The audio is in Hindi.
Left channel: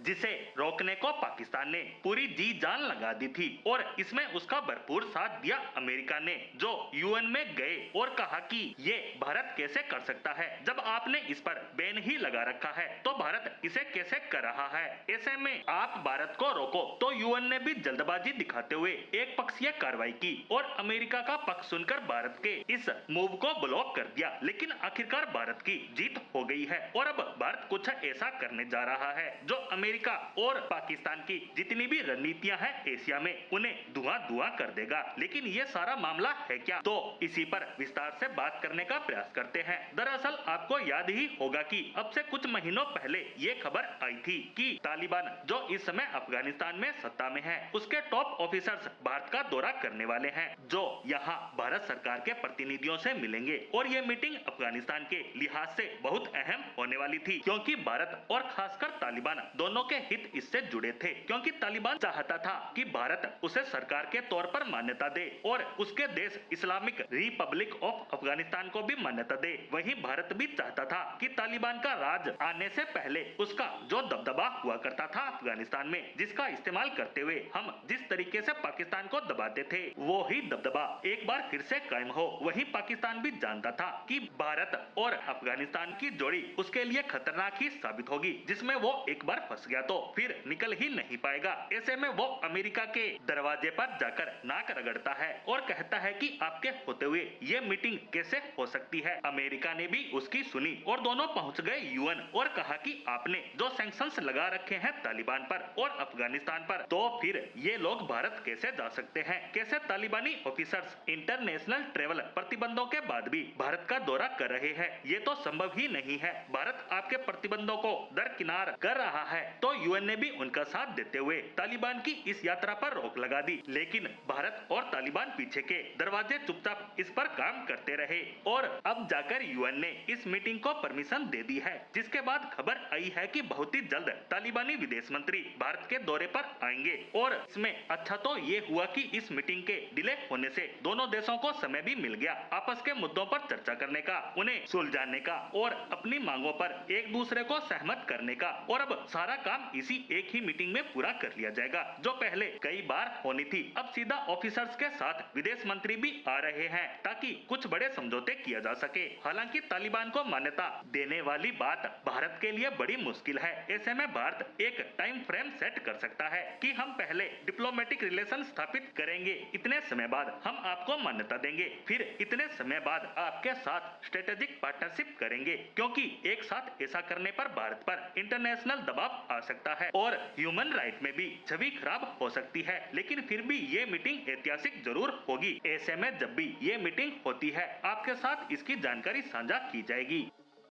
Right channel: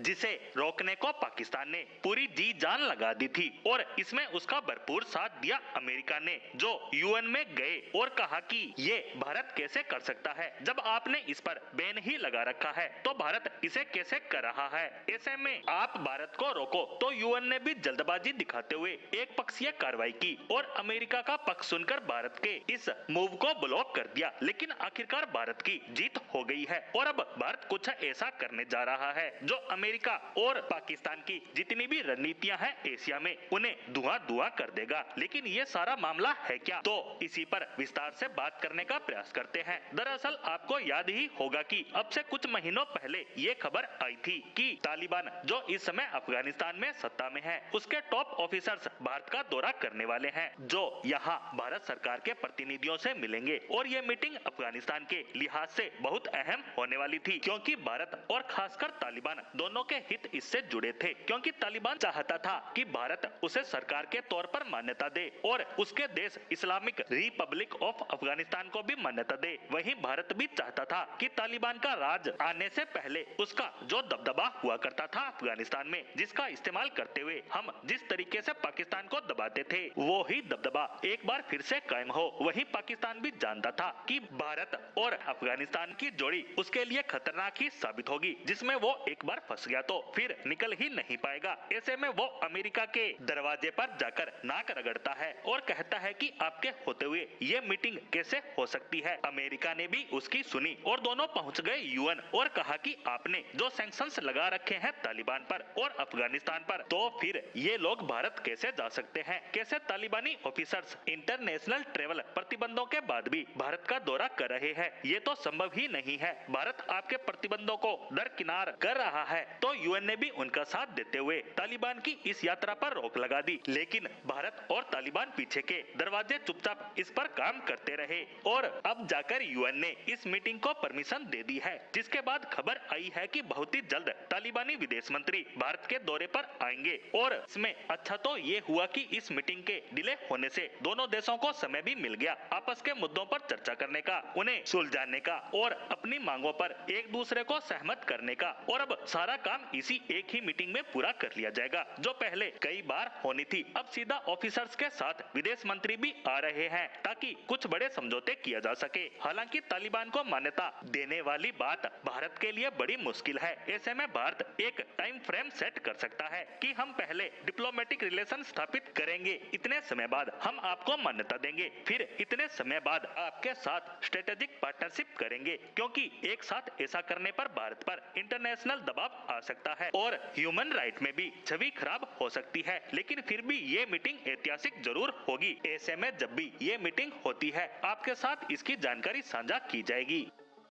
जिसे रोकने को पाकिस्तान ने पूरी जी जान लगा दी थी और इसमें उसका भरपूर साथ दिया अमेरिका ने, जो यूएन में गए और कहा कि ये भारत कैसे कर सकता है जब आपने इस पर बैन ही लगा रखा है, तो भारत इसे कैसे कर रहा है। ऐसे में आप भारत को रोको, तो यूएन ने भी जल्दबाजी दिखाते हुए एक पक्षीय कार्रवाई की और अमेरिका का पक्ष सुनकर भारत के इस मूव को ब्लॉक कर दिया। लेकिन आखिरकार भारत की जीत हो गई है और अब भारत कुछ ऐसा करने जा रहा है जो अमेरिका और पाकिस्तान की जितनी भी रणनीतियां हैं एशिया में, उन्हें धुआं धुआं कर देगा। लेकिन ये सारा मामला है क्या, तो इसी पर विस्तार से बात करने का प्रयास करते हैं। दरअसल आपको याद ही होगा कि अब से कुछ महीनों पहले ये खबर आई थी कि तालिबान जो इस समय अफगानिस्तान में सत्ता में है, उसके टॉप ऑफिसर्स भारत का दौरा करने वाले हैं, जो यहाँ भारत सरकार के प्रतिनिधियों से मिलेंगे। और ये मीटिंग अफगानिस्तान के लिहाज से बहुत अहम होने वाली थी, क्योंकि भारत और खासकर तालिबान दोनों के हित इससे जुड़े थे। क्योंकि तालिबान चाहता था कि भारत उसे सरकार के तौर पर मान्यता दे और उसके देश इस्लामिक रिपब्लिक ऑफ अफगानिस्तान को भी मान्यता दे। वहीं भारत भी चाहता था कि तालिबान का राज आने से पहले उसका जो दबदबा हुआ करता था अफगानिस्तान में, जिसका इस्तेमाल करते हुए हम जिस तरीके से पाकिस्तान को दबाते थे, वो ही दबदबा एक बार फिर से कायम हो। वही पाकिस्तान भी जानता था कि भारत और अफगानिस्तान की जोड़ी उसके लिए खतरनाक ही साबित होगी, जिसमें वो एक बार फंस गया तो फिर निकल ही नहीं पाएगा। ऐसे में वो अमेरिका के दरवाजे पर जाकर नाक रगड़ता है और कहता है कि आपके होते हुए ये मीटिंग कैसे हो सकती है। अमेरिका ने भी उसकी सुनी और दोनों पहुंच गए यूएन और कहा कि आपने जो सैंक्शंस लगा रखे हैं तालिबान पर और अफगानिस्तान पर, तो फिर ये लोग भारत कैसे जा सकते हैं। कैसे तालिबानी ऑफिसर्स इंटरनेशनल ट्रेवल प्रतिबंधों के बाद भी भारत का दौरा कर रहे हैं, ये तो संभव ही नहीं है। भारत आपके प्रतिबंधों को दरकिनार कर रहा है, तो यूएन ने भी उनका साथ देते हुए तालिबान की इस यात्रा पर रोक लगा दी। लेकिन भारत और तालिबान पीछे के दरवाजे चुपचाप इस पर काम करते रहे और अब जाकर यूएन ने इस मीटिंग को परमिशन दे दी है, जिसके बाद खबर आई है कि बहुत ही जल्द तालिबानी विदेश मंत्री भारत के दौरे पर आएंगे। और इसमें अच्छा तो ये हुआ कि इस मीटिंग के डिले होने से दोनों देशों को समय भी मिल गया आपस के मुद्दों पर चर्चा करने का, उन्हें सुलझाने का और अपनी मांगों पर एक दूसरे को सहमत करने का। और अब सारा काम इसी एक ही मीटिंग में पूरा कर लिया जाएगा, जो पहले कई बार होनी थी। अब सीधा ऑफिसर्स के साथ विदेश मंत्री भी आ रहे हैं ताकि कुछ बड़े समझौते किया जा सके। हालांकि तालिबान को मान्यता देने वाली बात भारत के लिए बड़ी मुश्किल है। ऐसे में भारत एक टाइम फ्रेम सेट कर सकता है कि हम पहले डिप्लोमेटिक रिलेशन स्थापित करेंगे, इतने समय बाद हम आपको मान्यता देंगे, फिर इतने समय बाद आपके साथ स्ट्रेटेजिक पार्टनरशिप करेंगे। क्योंकि एक साथ ऐसा करने पर भारत पर इंटरनेशनल दबाव आ सकता है और ह्यूमन राइट में भी छवि खराब हो सकती है। लेकिन फिर भी ये मीटिंग ऐतिहासिक जरूर होगी। ऐसे में जब भी ये मीटिंग होती है, आपके साथ इसकी जानकारी साझा की जाएगी।